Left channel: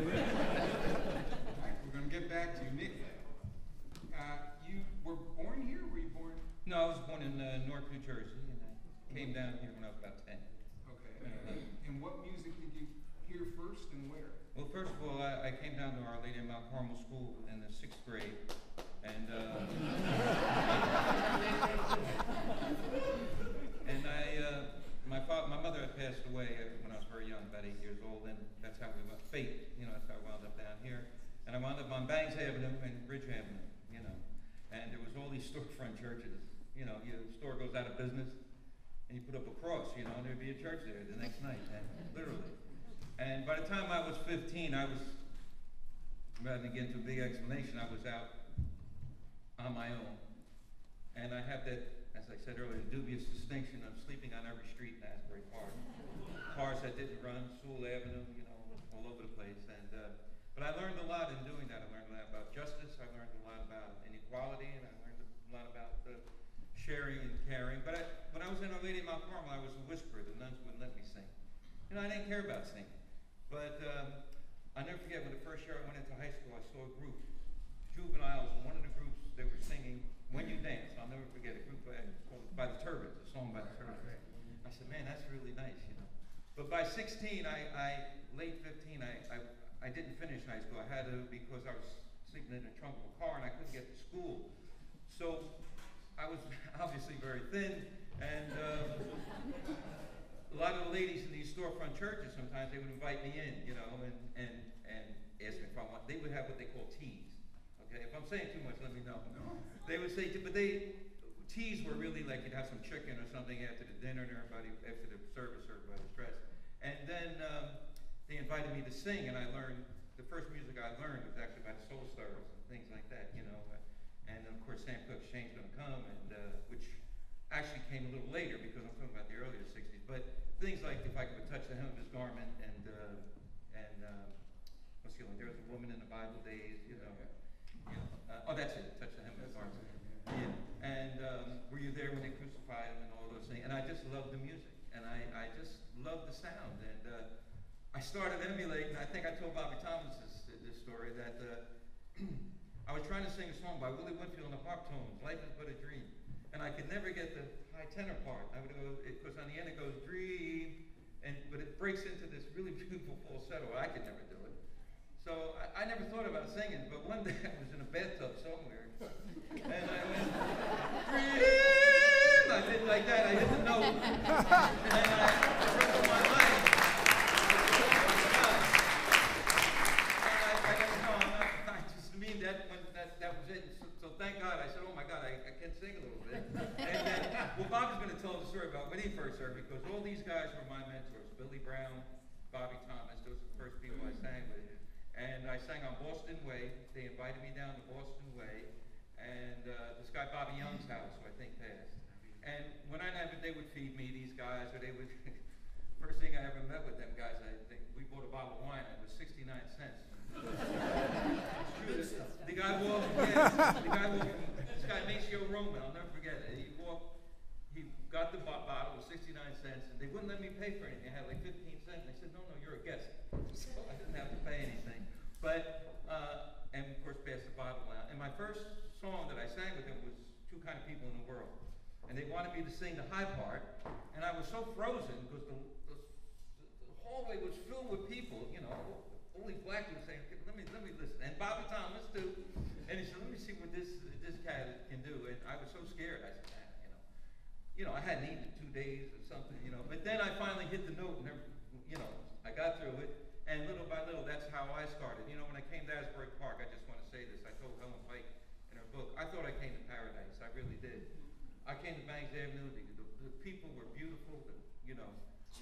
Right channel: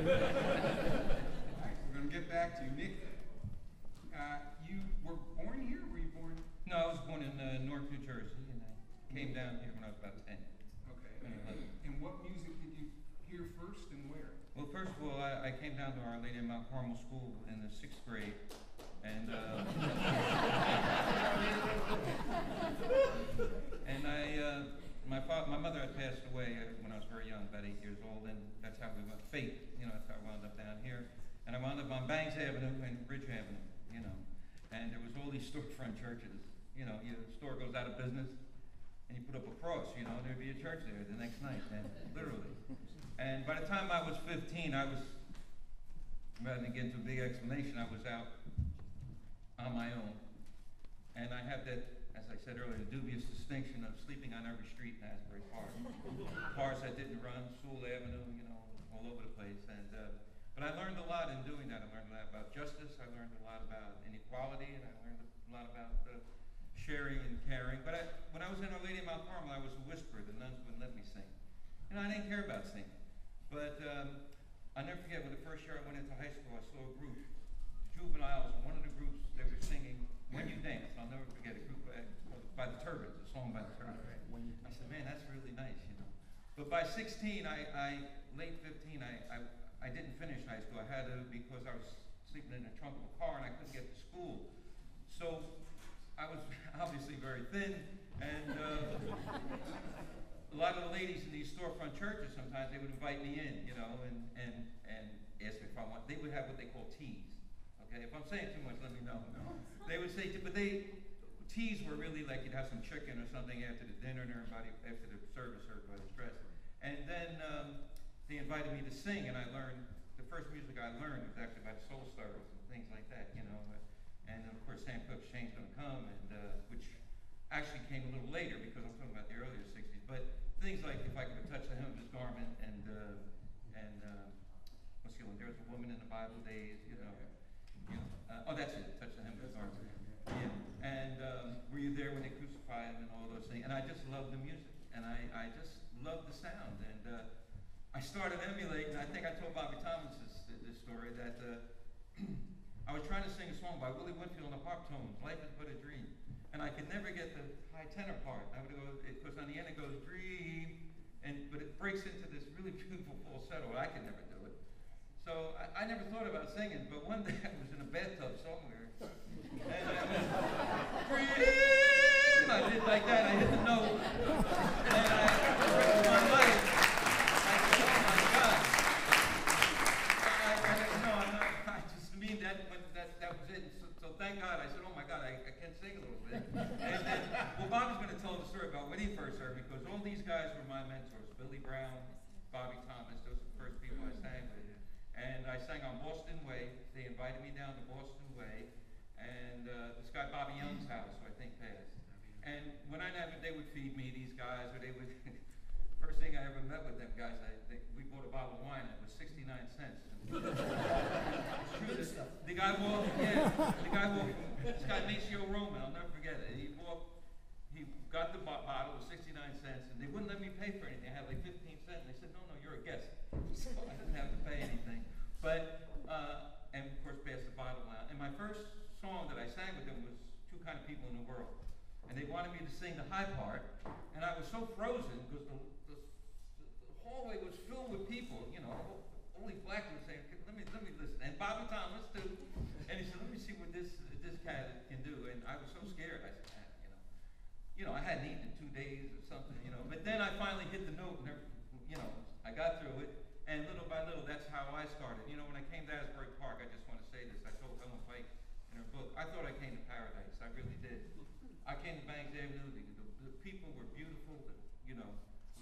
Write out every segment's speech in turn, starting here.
All right, we're going to get back to you. Nick, you were born here? Were you born? No, I was born in Newark, New Jersey, and I came down here when I was about 10. Okay. And what music did you hear first and where? Well, first of all, I came down to Our Lady of Mount Carmel School in the 6th grade, and my mother had passed away when I was very young, about 8 years old, and that's how we went, fate, that's how I wound up down here. And I wound up on Banks Avenue and Bridge Avenue, and there was all these storefront churches. Your store goes out of business, and you put up a cross, and there'd be a church there the next night, and literally. And by the time I was 15, rather than get into a big explanation, I was out on my own. And I have that, as I said earlier, the dubious distinction of sleeping on every street in Asbury PArk. Cars that didn't run, Sewell Avenue, all over the place. But I learned a lot in doing that. I learned a lot about justice. I learned a lot about inequality, and I learned a lot about sharing and caring. But when I was in Our Lady of Mount Carmel, I was a whisperer. The nuns wouldn't let me sing. I didn't care about singing. But I'll never forget when the first year I went into high school, I saw a group, juveniles, and one of the groups, they were singing When You Dance. I'll never forget a group by the Turbans, a song by the Turbans. I said, man, that's really nice, But by 16, late 15, I didn't finish high school. I had to because I was sleeping in the trunk of a car and I couldn't get to school. So I was obviously very thin, and a lot of the ladies in these storefront churches, sometimes they would invite me in, and ask me if I want. They would have what they call teas. Okay, if I'm saying too much, let me know. They would say, but teas were really like you'd have some chicken or something after the dinner, and after the service, everybody was dressed. And then they invited me to sing, and I learned, the first music I learned was actually by the Soul Stirrers and things like that, And of course, Sam Cooke's Shane's Gonna Come, and which actually came a little later because I'm talking about the earlier 60s. But things like If I Could Touch the Hem of His Garment, and what's the other one? There Was a Woman in the Bible Days, oh, that's it, Touch the Hem of His Garment. Yeah. And Were You There When They Crucified Him, and all those things. And I just loved the music, and I just loved the sound. And I started emulating. I think I told Bobby Thomas this story that I was trying to sing a song by Willie Winfield on the harp tones, Life Is But a Dream. And I could never get the high tenor part. I would go, because on the end it goes dream, but it breaks into this really beautiful falsetto. I could never do it. So I never thought about singing, but one day I was in a bathtub somewhere, and I went, dream! I did like that, I hit the note, and I broke my leg. I said, oh my God. I just mean that was it. So thank God. I said, oh my God, I can sing a little bit. And then, Bobby's going to tell the story about when he first heard me, because all these guys were my mentors. Billy Brown, Bobby Thomas, those are the first people I sang with. And I sang on Boston Way. They invited me down to Boston Way. And this guy Bobby Young's house, who I think passed. And when they would feed me, these guys, or they would, first thing I ever met with them guys, we bought a bottle of wine, and it was 69 cents. It's true. The guy walked, this guy Maceo Roman, I'll never forget it. He got the bottle with 69 cents, and they wouldn't let me pay for anything. I had like 15 cents, and they said, no, you're a guest. So I didn't have to pay anything. But, and of course, passed the bottle out. And my first song that I sang with them was Two Kind of People in the World. And they wanted me to sing the high part, and I was so frozen because the hallway was filled with people, only black people saying, okay, let me listen. And Bobby Thomas too. And he said, let me see what this cat can do. And I was so scared. I said, I hadn't eaten in 2 days or something, But then I finally hit the note, and I got through it. And little by little, that's how I started. When I came to Asbury PArk, I just want to say this. I told Helen Pike in her book, I thought I came to paradise. I really did. I came to Banks Avenue. The people were beautiful,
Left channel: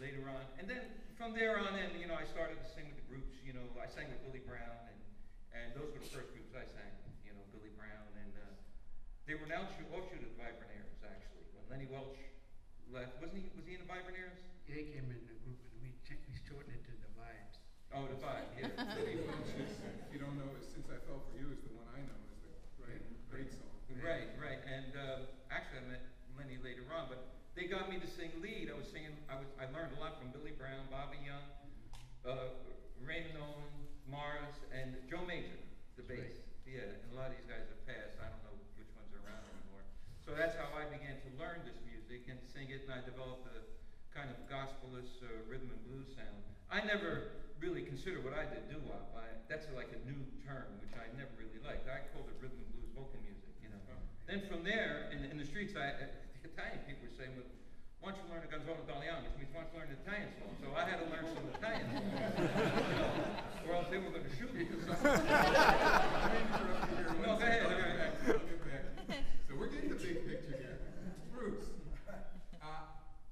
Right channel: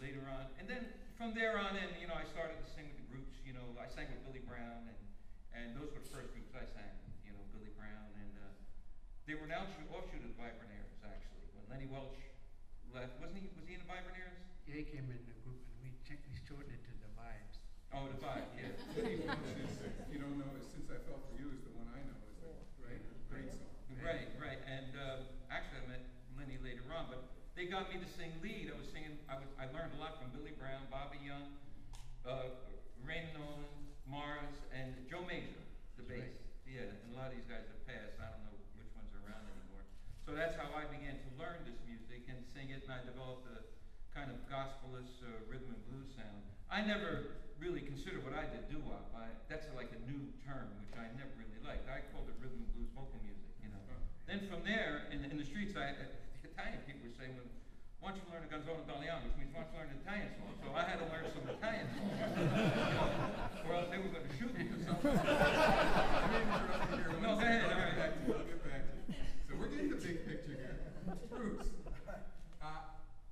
later on. And then from there on in, I started to sing with the groups. I sang with Billy Brown, and those were the first groups I sang with, Billy Brown. And they were an offshoot of the Vibraniers, actually. When Lenny Welch left, was he in the Vibraniers? Yeah, he came in the group, and we shortened it to the Vibes. Oh, the Vibe, yeah. Lenny Welch is, if you don't know, Since I Fell For You is the one I know. Is the great song. Right. And actually, I met Lenny later on, but they got me to sing lead. I learned a lot from Billy Brown, Bobby Young, Raymond Nolan, Mars. I never really considered what I did doo-wop. That's like a new term, which I never really liked. I called it rhythm and blues vocal music, you know. Then from there, in the streets, the Italian people were saying, well, why don't you learn a Gonzalo Dalian, which means why don't you learn an Italian song? So I had to learn some Italian song, you know, or else they were going to shoot me or something. I mean, interrupt you here. No, go ahead. I'll get back to you. I'll get back to you. So we're getting the big picture here. Bruce,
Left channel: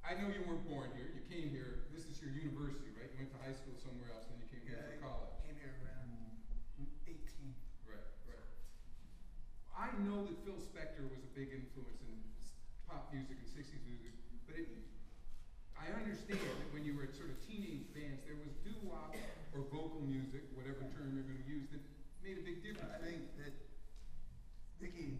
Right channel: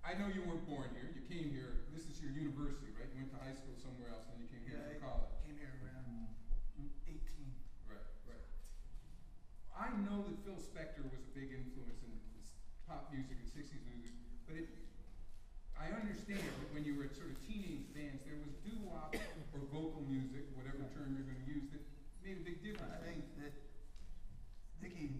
I know you weren't born here. You came here. This is your university, right? You went to high school somewhere else, and then you came here for college. I came here around 18. Right, right. I know that Phil Spector was a big influence in pop music and 60s music, but I understand that when you were at sort of teenage bands, there was doo-wop or vocal music, whatever term you're going to use, that made a big difference. I think that Nicky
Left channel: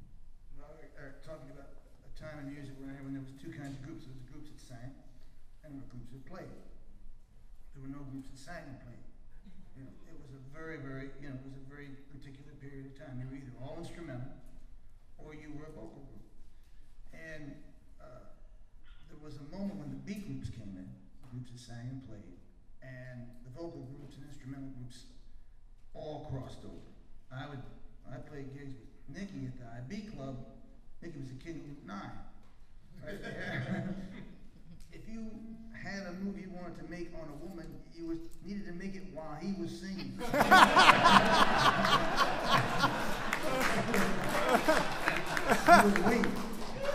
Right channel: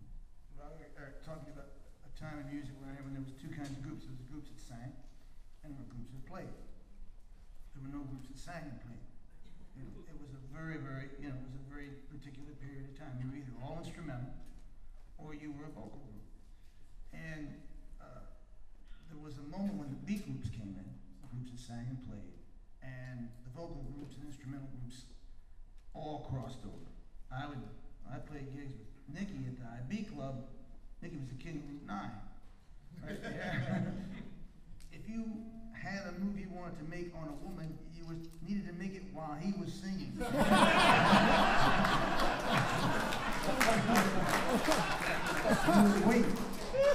and Robert are talking about a time in music when there was two kinds of groups. There was the groups that sang, and there were groups that played. There were no groups that sang and played. You know, it was a very, very, it was a very particular period of time. You were either all instrumental, or you were a vocal group. And there was a moment when the beat groups came in, groups that sang and played, and the vocal groups and instrumental groups all crossed over. I played gigs with Nicky at the IB Club. Nicky was the king of Route 9. Right there. If you had a move you wanted to make on a woman, you needed to make it while he was singing. You would wait.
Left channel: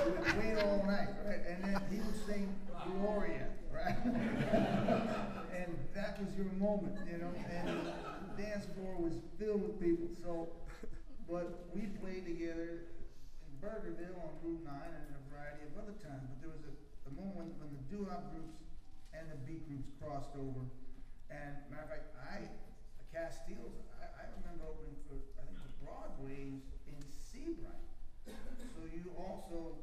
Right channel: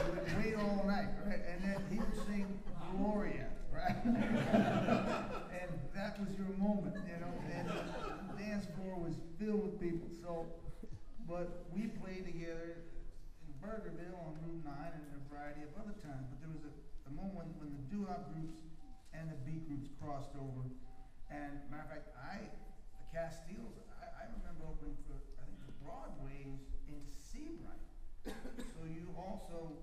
You would wait all night, right? And then he would sing Gloria, right? And that was your moment, you know? And the dance floor was filled with people. So, but we played together in Burgerville on Route 9 and a variety of other times. But there was a moment when the doo-wop groups and the beat groups crossed over. And matter of fact, the Castiles, I remember opening for, I think, the Broadways in Seabright. So you also,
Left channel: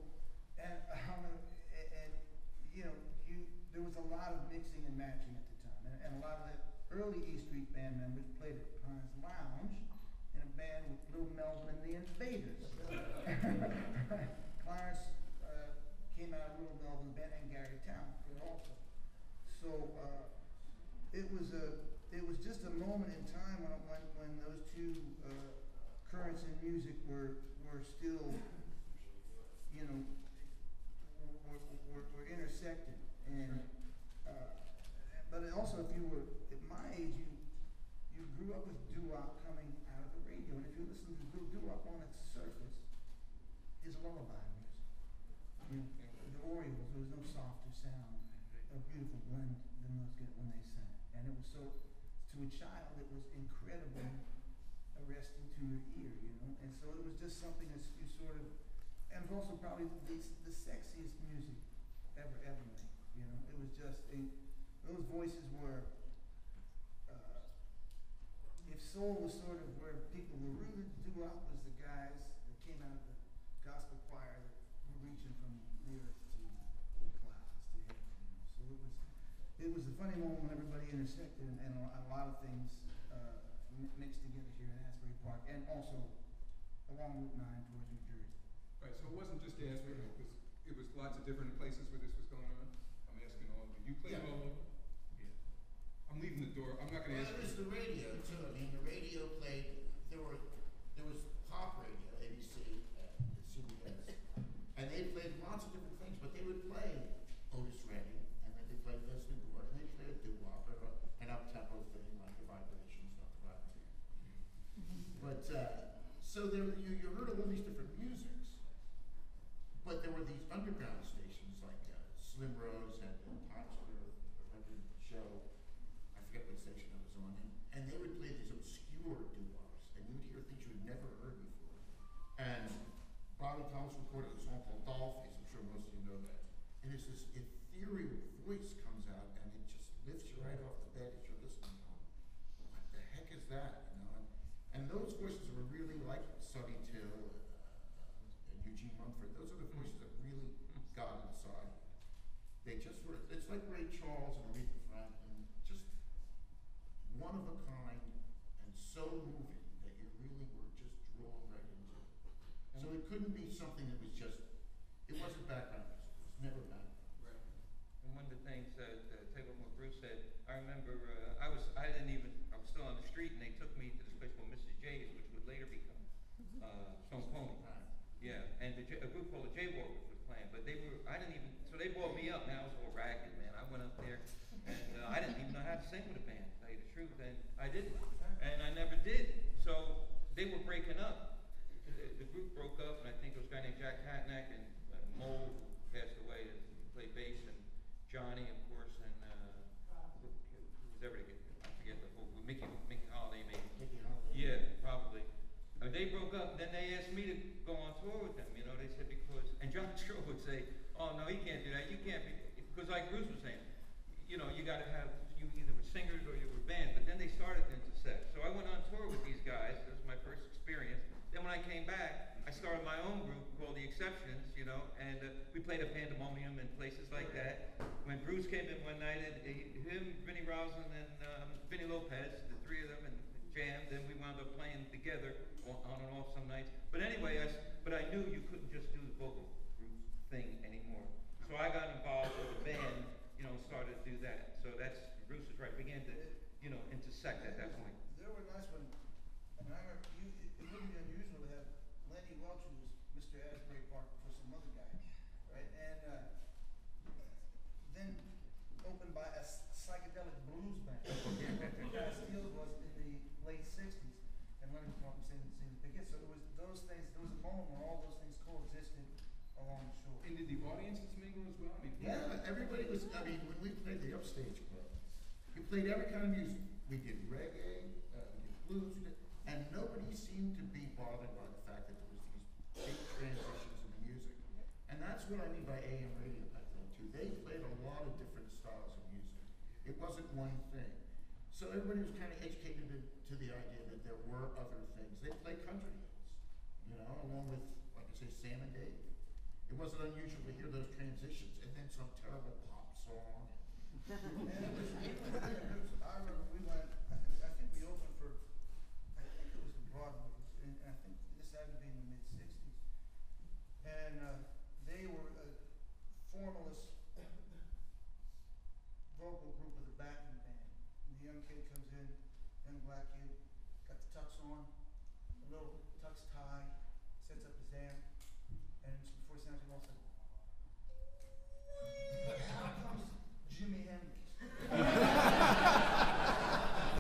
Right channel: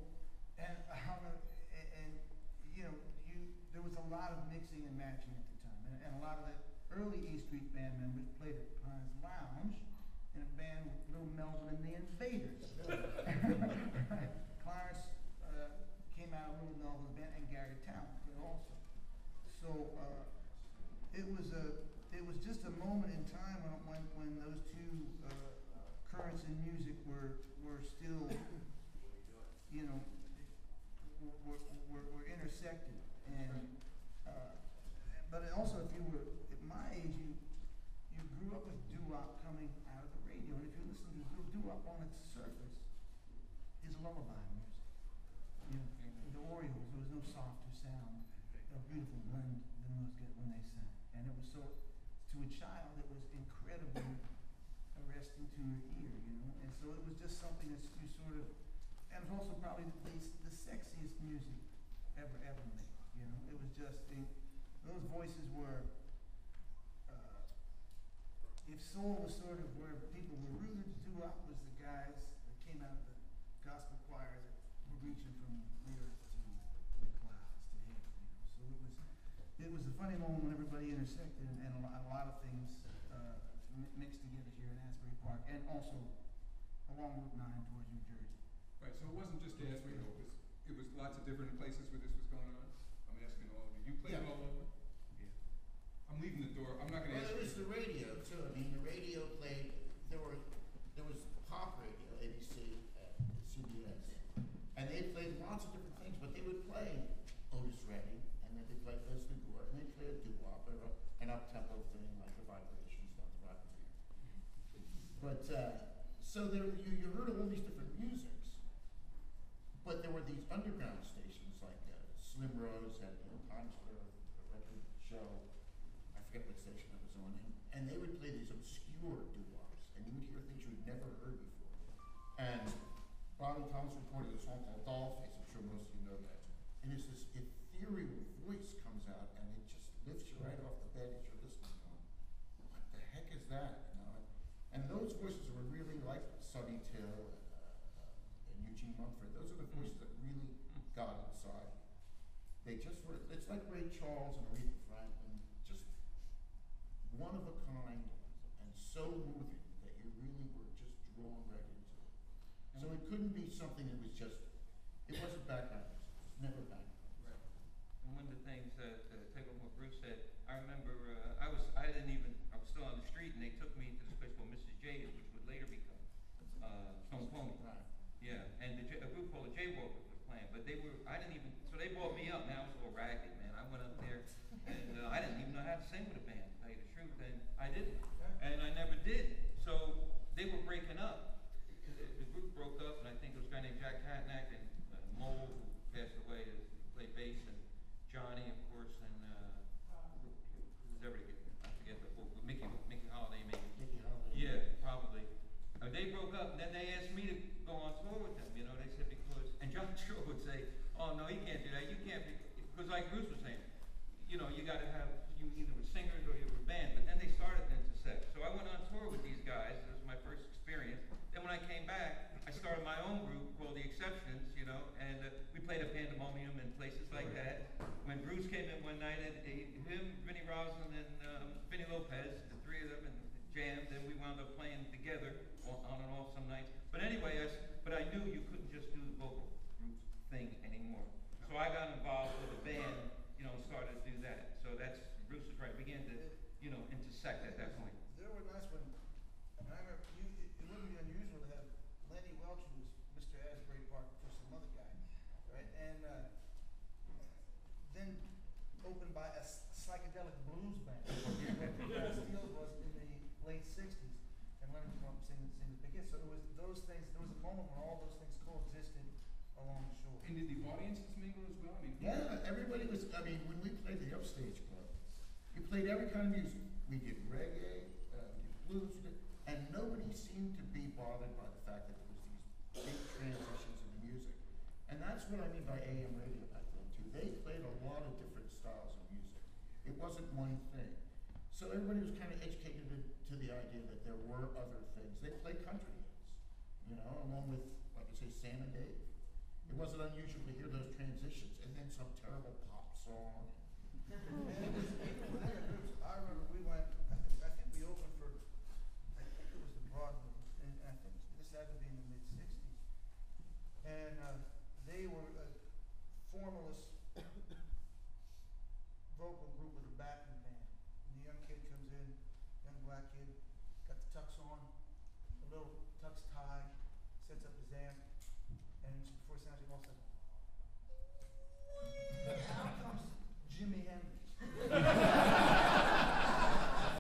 there was a lot of mixing and matching at the time. And a lot of the early E Street band members played at Pines Lounge in a band with Little Melvin and the Invaders. Clarence came out of Little Melvin's band, and Gary Towns did also. So it was just a moment in time when those two currents in music were still, were intersected. And but also, if you were at my age, you grew up with doo-wop coming out of the radio, and if you listen to doo-wop on its surface, is lullaby music. You know, the Orioles, there was no softer sound, a beautiful blend than those get when they sang, and it was so, to a child, it was incredibly arresting to your ear, you know, and so it was just something that you sort of, and it was also probably the sexiest music ever made, you know. It was just, those voices were, if soul was sort of where people were rooted, doo-wop was the guys that came out of the gospel choir that were reaching from the earth to the clouds, to heaven, you know. So it was a funny moment when everybody intersected, and a lot of things mixed together here in Asbury Park, and also along Route 9 towards New Jersey. Right, so it wasn't just Asbury, it was lots of different places where this was going on. I'm asking all of you. You played all over? Yeah. I'm leaving the door. I'm not going to ask Well, there was you. the radio too. I mean, the radio played. There was pop radio, ABC, CBS, and they played lots of different things. But they would play Otis Redding, and then they played Leslie Gore, and they played a doo-wop or an up-tempo thing like the Vibrations, not the Vibrations. But so there, you heard all these different musics, but there were these underground stations like Slim Rose had in Times Square, a record show. I forget what station it was on, and they would play these obscure doo-wops, and you would hear things you'd never heard before. And Bobby Thomas recorded a song called Dollface. I'm sure most of you know that. And it's this ethereal voice comes out, and it just lifts you right off the bed as you're listening, going, "What the heck is that?" You know. And those voices were really like Sonny Till and Eugene Mumford. Those are the voices that really got inside. They just were, it's like Ray Charles and Aretha Franklin, just one of a kind and so moving that you really were just drawn right into it. So it couldn't be something that was just, it wasn't background music. It was never background. Right. And one of the things that, take on what Bruce said, I I remember, I was still on the street, and they took me to this place called Mrs. J's, which would later become, Stone Pony. Right. Yeah, and a group called the Jaywalkers was playing, but so they brought me up, man, I was all ragged, man, I went up there, and I didn't even know how to sing with a band, to tell you the truth, and I didn't, and I never did, so they were breaking up. The group broke up, and I think it was a guy named Jack Hatnack and Mole, who passed away, who played bass, and Johnny, of course, and who was ever to get, I forget the whole, Mickey Holiday, maybe. Nicky Addeo. Yeah, probably. They broke up, and then they asked me to go on tour with them, you know, they said because, and John Shaw would say, oh, no, he can't do that, you can't be, because like Bruce was saying, you know, you gotta have, you either were singers or you were band, but then they started to intersect. So I went on tour with these guys, this was my first experience. Then when I came back, I started my own group called The Exceptions, you know, and we played a Pandemonium and places like that. When Bruce came in one night, him, Vinnie Roslin, and Vinnie Lopez, the three of them, and jammed, and we wound up playing together on and off some nights. But anyway, I knew you couldn't just do the vocal group thing anymore. So I got involved with the band, you know, and started to do that. So that's, Bruce is right, began to, you know, intersect at that point. There were nights when, and I remember, it wouldn't be unusual to have Lenny Welch, who was Mr. Asbury PArk for some other guy, right? And then opened by a psychedelic blues band. Steele was in the late '60s, and Lenny would come up and sing the big hits. So there was those things. There was a moment where all those things coexisted along the shore. And did the audiences mingle as well? I mean, Yeah, everybody was, I mean, when we played the Upstage Club, we played every kind of music. We did reggae, we did blues, and nobody seemed to be bothered by the fact that there was these big transitions in the music. And that's what I mean by AM radio back then too. They played a lot of different styles of music. It wasn't one thing. So everybody was kind of educated to the idea that there were other things. They played country hits, you know, along with, like I say, Sam and Dave. It wasn't unusual to hear those transitions and then some terrible pop song. And it was even within the groups. I remember we went. I think we opened for. I think it was the Broadways, and I think this had to be in the mid '60s. And they were a formalist vocal group with a backing band. And the young kid comes in, young black kid, got the tux on, a little tux tie, sets up his amp, and before he sounds, he walks like. Out comes Jimi Hendrix.